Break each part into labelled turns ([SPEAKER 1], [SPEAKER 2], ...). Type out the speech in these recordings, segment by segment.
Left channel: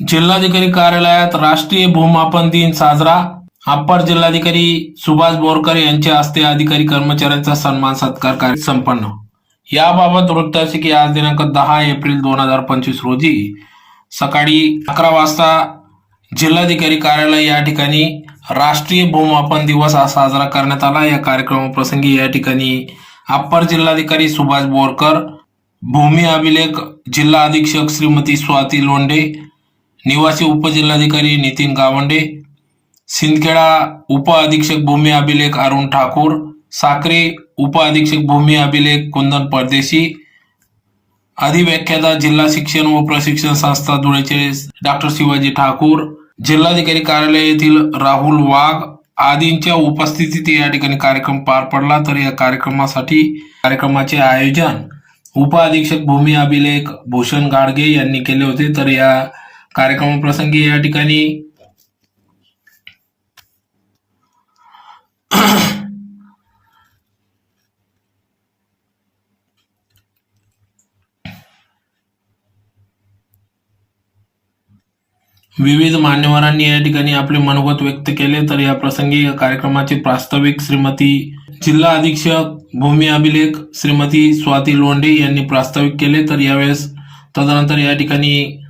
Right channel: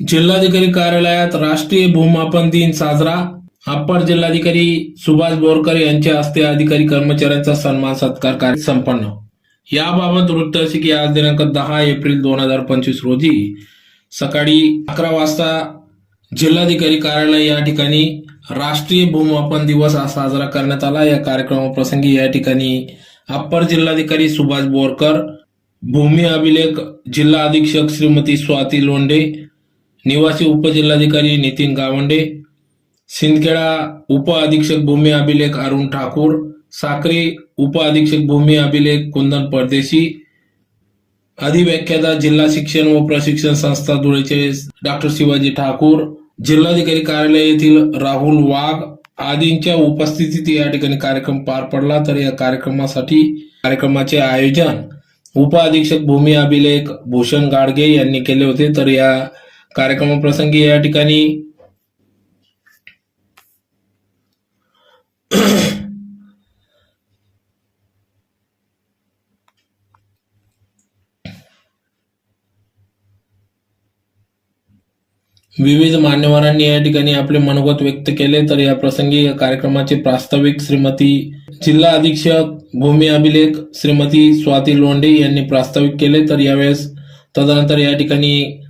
[SPEAKER 1] जिल्हाधिकारी कार्यालयात राष्ट्रीय भूमापन दिन साजरा. अप्पर जिल्हाधिकारी सुभाष बोरकर यांच्या हस्ते अधिकारी कर्मचाऱ्यांचा सन्मान सत्कार कार्य संपन्न. याबाबत वृत्त असे की आज दिनांक दहा एप्रिल दोन हजार पंचवीस रोजी सकाळी अकरा वाजता जिल्हाधिकारी कार्यालय या ठिकाणी राष्ट्रीय भूमापन दिवस हा साजरा करण्यात आला. या कार्यक्रमाप्रसंगी या ठिकाणी अप्पर जिल्हाधिकारी सुभाष बोरकर भूमी अभिलेख जिल्हा अधीक्षक श्रीमती स्वाती लोंढे निवासी उपजिल्हाधिकारी नितीन गावंडे सिंदखेडा उप अधीक्षक भूमी अभिलेख अरुण ठाकूर साक्रे उप अधीक्षक भूमी अभिलेख कुंदन परदेशी अधिव्याख्याता जिल्हा शिक्षण व प्रशिक्षण संस्था धुळेचे डॉक्टर शिवाजी ठाकूर जिल्हाधिकारी कार्यालय येथील राहुल वाघ आदींच्या उपस्थितीत या ठिकाणी कार्यक्रम पार पडला. तर या कार्यक्रमासाठी कार्यक्रमाचे आयोजन उप अधीक्षक भूमी अभिलेख भूषण गाडगे यांनी केले होते. तर या कार्यक्रमाप्रसंगी या ठिकाणी विविध मान्यवरांनी या ठिकाणी आपले मनोगत व्यक्त केले. तर या प्रसंगी या कार्यक्रमाचे प्रास्ताविक श्रीमती जिल्हा अधीक्षक भूमी अभिलेख श्रीमती स्वाती लोंढे यांनी प्रास्ताविक केले. तर यावेळेस तदनंतर या ठिकाणी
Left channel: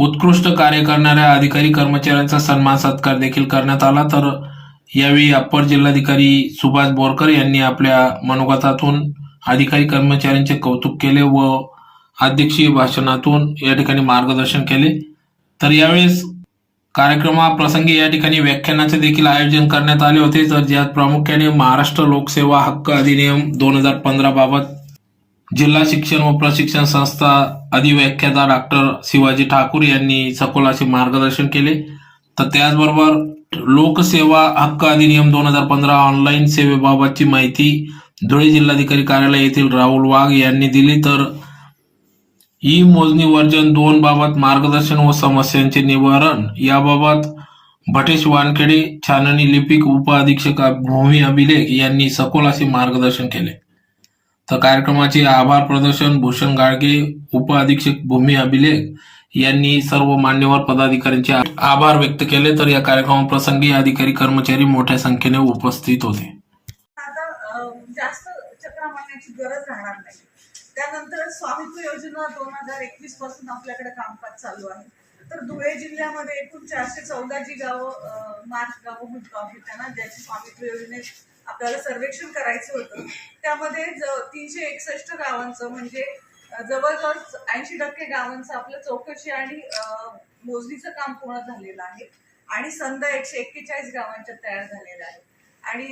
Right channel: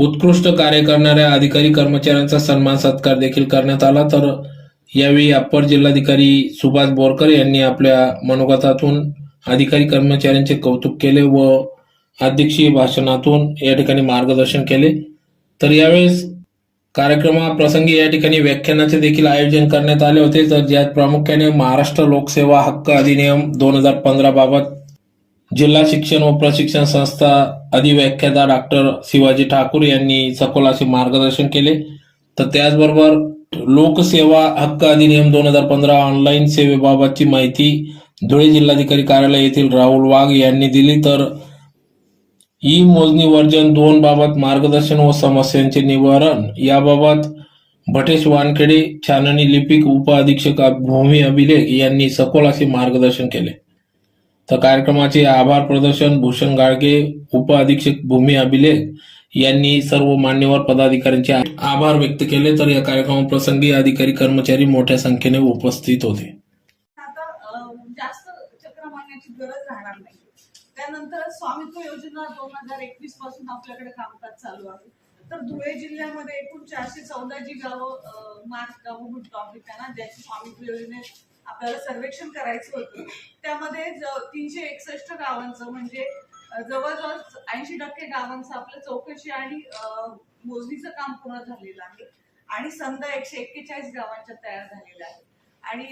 [SPEAKER 1] उत्कृष्ट कार्य करणाऱ्या अधिकारी कर्मचाऱ्यांचा सन्मान सत्कार देखील करण्यात आला. तर यावेळी अप्पर जिल्हाधिकारी सुभाष बोरकर यांनी आपल्या मनोगतातून अधिकारी कर्मचाऱ्यांचे कौतुक केले व अध्यक्षीय भाषणातून या ठिकाणी मार्गदर्शन केले. तर यावेळेस कार्यक्रमाप्रसंगी या ठिकाणी व्याख्यानाचे देखील आयोजन करण्यात आले होते. तर ज्यात प्रामुख्याने महाराष्ट्र लोकसेवा हक्क अधिनियम दोन हजार पंधरा बाबत जिल्हा शिक्षण व प्रशिक्षण संस्था अधिव्याख्याता डॉक्टर शिवाजी ठाकूर यांनी सखोल असे मार्गदर्शन केले. तर त्याचबरोबर लोकसेवा हक्क अधिनियम दोन हजार पंधरा ऑनलाईन सेवेबाबतची माहिती धुळे जिल्हाधिकारी कार्यालय येथील राहुल वाघ यांनी दिली. तर ई मोजणी वर्जन दोन बाबत मार्गदर्शन व समस्यांचे निवारण याबाबत भटेश वानखेडे छाननी लिपिक उप अधीक्षक भूमी अभिलेख यांनी सखोल असे मार्गदर्शन केले. तर कार्यक्रमाचे आभार प्रदर्शन भूषण गाडगे उप अधीक्षक भूमी अभिलेख यांनी सर्व मान्यवर पदाधिकाऱ्यांचे आभार व्यक्त केले. तर या कार्यक्रमाप्रसंगी अधिकारी कर्मचारी मोठ्या संख्येने उपस्थित होते.
[SPEAKER 2] आता जास्त चक्रा मारण्याची गरज राहणार नाही. त्यानंतर स्वामित्व योजना दोन हजार एकवीसपासून आपल्याकडे कामकाज चालू आहे. तर धुळे जिल्ह्यामध्ये एकूण चारशे चौदा जी गावं मार्च गावं म्हणतो आम्ही त्यांना ज्याची स्वामित्व योजनेत आपल्याला सर्वेक्षण करायचं होतं. त्यामध्ये ज- तीनशे एकसष्ट गावांचं म्हणजे जवळजवळ ऐंशी टक्के गावांचं आपलं चौकशी आणि मोजणीचं काम पूर्ण झालेलं आहे. आणि संद एकशे एक्केचाळीस गावांच्या तयार झालेल्या आहे आणि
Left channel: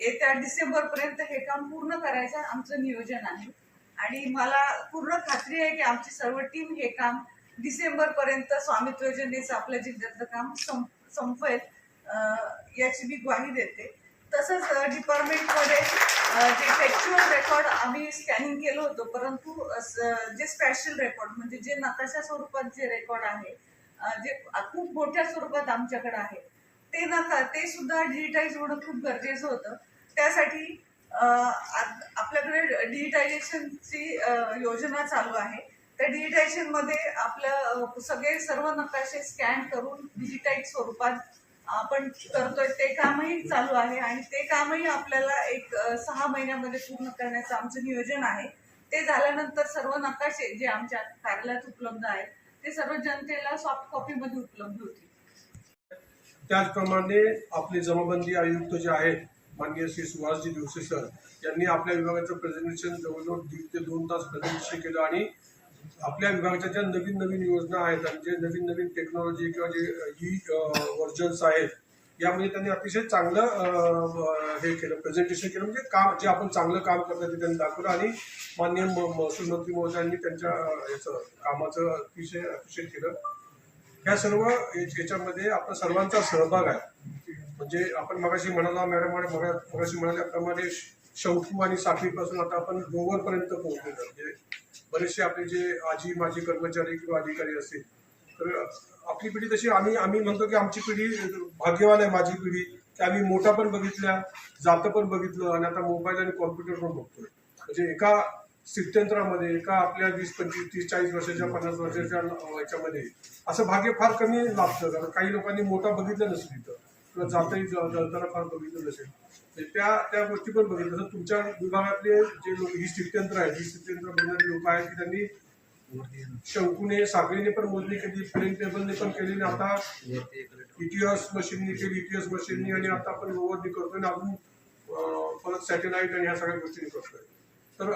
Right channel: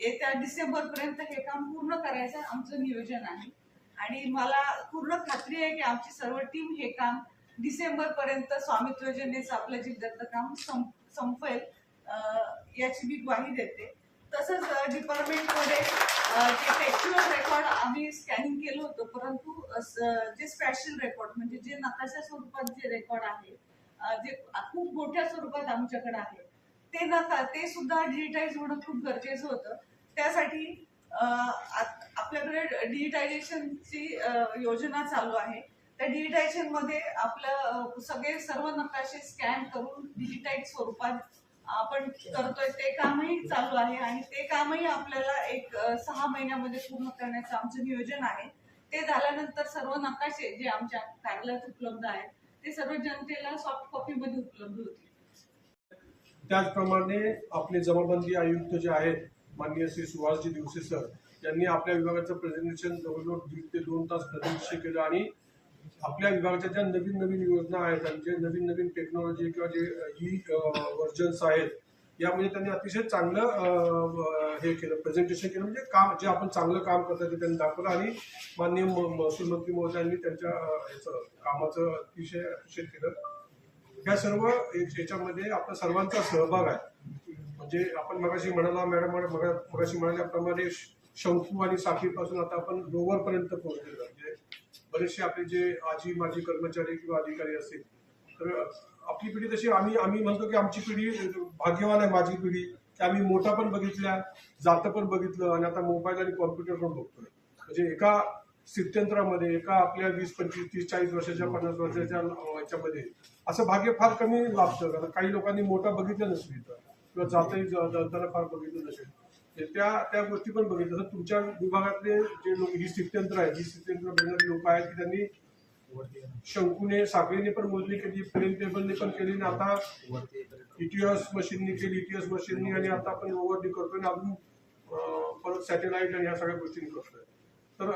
[SPEAKER 2] येत्या डिसेंबर पर्यंत हे काम पूर्ण करायचं आमचं नियोजन आहे. आणि मला पूर्ण खात्री आहे की आमची सर्व टीम हे काम डिसेंबर पर्यंत स्वामित्व योजनेचं आपल्या जिल्ह्यातलं काम संप संपेल. याची मी ग्वाही देते. तसंच डिपार्टमेंटमध्ये जे फॅक्च्युअल रेकॉर्ड आम्ही स्कॅनिंग केलं होतं. परंतु जे स्पेशल रेकॉर्ड म्हणजे जे नकाशा स्वरूपात जे रेकॉर्ड आहे जे खूप मोठ्या स्वरूपात आमच्याकडे आहे ते नका ते सुद्धा डिजिटाईज होणं खूप गरजेचं होतं. त्यासाठी आपल्याकडे डिजिटायझेशनची योजना चालू आहे. त्या डिजिटायझेशनमध्ये आपलं सगळे सर्व नकाशे स्कॅन करून डिजिटाईज स्वरूपात आपण करतोय ते कामही चालू आहे आणि ते कामही आपल्याला एक सहा महिन्यामध्ये पूर्ण करण्याचं आमचं नियोजन आहे. ते झाल्यानंतर सर्व नकाशे जे आमच्या कार्यालयात उपलब्ध आहेत ते सर्व जनतेला सॉफ्ट कॉपीमध्ये उपलब्ध होतील.
[SPEAKER 3] त्याचप्रमाणे आपले जमाबंदी आयुक्त जे आहेत माननीय श्री सुभाषजी दिवसे सर यांनी आपल्या विभागाचं प्रेझेंटेशन जवळजवळ दीड ते दोन तास प्रेझेंटेशन केलं आणि आपल्या विभागाच्या ज्या नवीन नवीन योजना आहेत आणि जे नवीन नवीन टेक्नॉलॉजी किंवा जे ई वर्जन्स आहेत यामध्ये त्यांनी अतिशय चांगलं हे केलं प्रेझेंटेशन केलं. म्हणजे काम जे आपण चांगलं काम करतो ते त्यांनी दाखवलं आणि माननीय महसूल मंत्री महोदयांनी त्यांच्या याचं कामाचं अतिशय अतिशय केलं. ह्या सर्व याच्यामध्ये आपला सर्वांचा सहभाग आहे. म्हणजे आपण मगाशी म्हणाला मॅडम मगाशी म्हणाल्याप्रमाणे श- आणि साखळीपासून आता आपण रोवर पर्यंत पोहोचलेलो म्हणजे बरेचसे आपले जे आजी माजी कर्मचारी किंवा अधिकारी असतील तर आपली पिढी तशी आम्ही आम्ही म्हणतो की आमची पिढी भाग्यवान आहे माझी पिढी. की आम्ही मोठा पण बघितल्या जातं पण बघितलं आणि आता मोबाईल आणि कॉम्प्युटर पण बघतोय. म्हणजे एका स्थित्यंतरामध्ये एका आपल्या वीस पंचवीस तीस चाळीस वर्षाच्या पन्नास वर्षाच्या ह्याच्यामध्ये याच्यामध्ये असं भाग्य फार कमी लाभतं. कारण काही लोकांनी मोठा बघितलं नसली तर किंवा जातही जाताना फार बघितलं नसेल म्हणजे त्या त्या गोष्टी पण बघितलं तर तुमच्या विभागातले जे लोक ही स्थित्यंत्र आहेत ही स्थित्यंत्र बघणारे लोक आहेत की त्यांनी शंकूने साखळीने पण मोजणी केली प्लेन टेबलने पण केली आणि आता इटीएस मशीननी केली इटीएस मशीननी आणि आता आपण ओव्हरनी करतोय आणि अजून परत सॅटेलाइट आणि ह्या सगळ्या गोष्टी करतोय. तर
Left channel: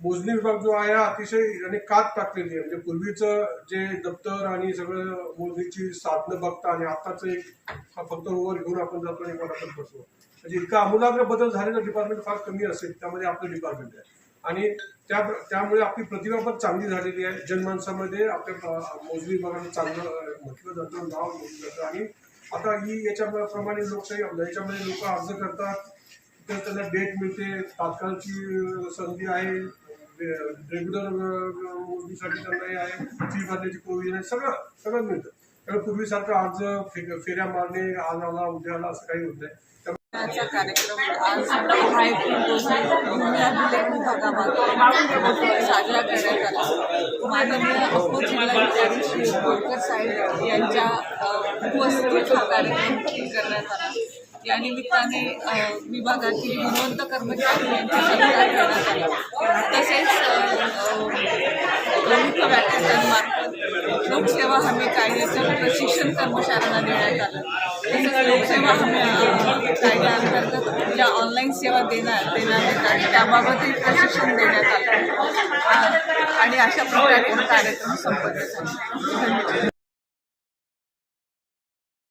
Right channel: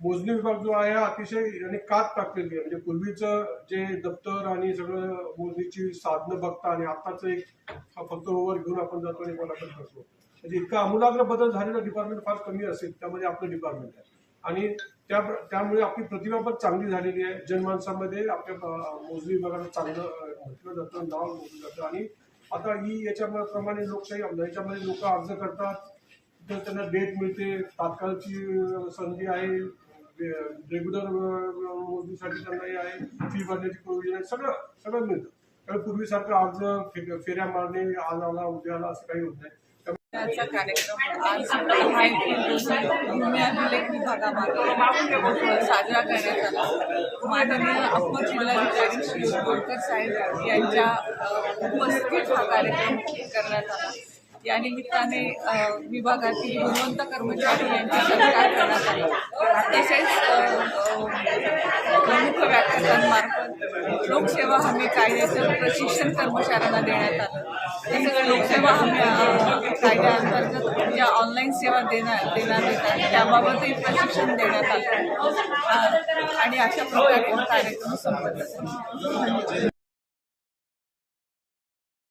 [SPEAKER 3] मोजणी विभाग जो आहे अतिशय याने कात टाकलेली आहे. म्हणजे पूर्वीचं जे दप्तर आणि सगळं मोजणीची साधनं बघता आणि आताच एक हा फक्त ओव्हर घेऊन आपण जातो आणि आपण बसतो म्हणजे इतका आमूलाग्र बदल झालेला डिपार्टमेंट फार कमी असेल त्यामध्ये आपलं डिपार्टमेंट आहे. आणि त्या त्यामुळे आपली प्रतिभा पण चांगली झालेली आहे. जनमानसामध्ये आपल्या मोजणी विभागाला चांगलं म्हटलं जातं नाव मोजलं जातं. आणि आता ही याच्याप्रमाणे लोकशाही याच्यामध्ये लोक अर्ज करतात. तर त्यांना डेट मिळते. तात्काळची संधी आहे. रेग्युलर मोजणीसाठी त्यांना हे आहे फी भरण्याची प्रोव्हिजन आहे सगळं सगळं मिळतं. त्यामुळे पूर्वीसारखं अर्ज फे- फेऱ्या मारणे आज आला उद्या आला असं काही होत नाही.
[SPEAKER 2] कार्यक्रम आज भूमी अभिलेख विभागामार्फत साजरा करण्यात आला. माननीय जिल्हाधिकारी श्री बोरकर साहेब यांच्या अ, हा कार्यक्रम करण्यात आला. या निमित्ताने विभागातील गुणवंत कर्मचारी यांचा सत्कार करण्यात आला तसेच प्रमुख अ, व्याख्यातांमार्फत लोकसेवा हमी कायद्याचं प्रशिक्षण कर्मचाऱ्यांना देण्यात आलं. तसंच लोकसेवा हमी कायद्याअंतर्गत ज्या ऑनलाईन सेवा देणार देणार येतात त्याबाबतही प्रशिक्षण देण्यात आलं. आणि अशा प्रकारे कार्यक्रम संपन्न झाला. धन्यवाद.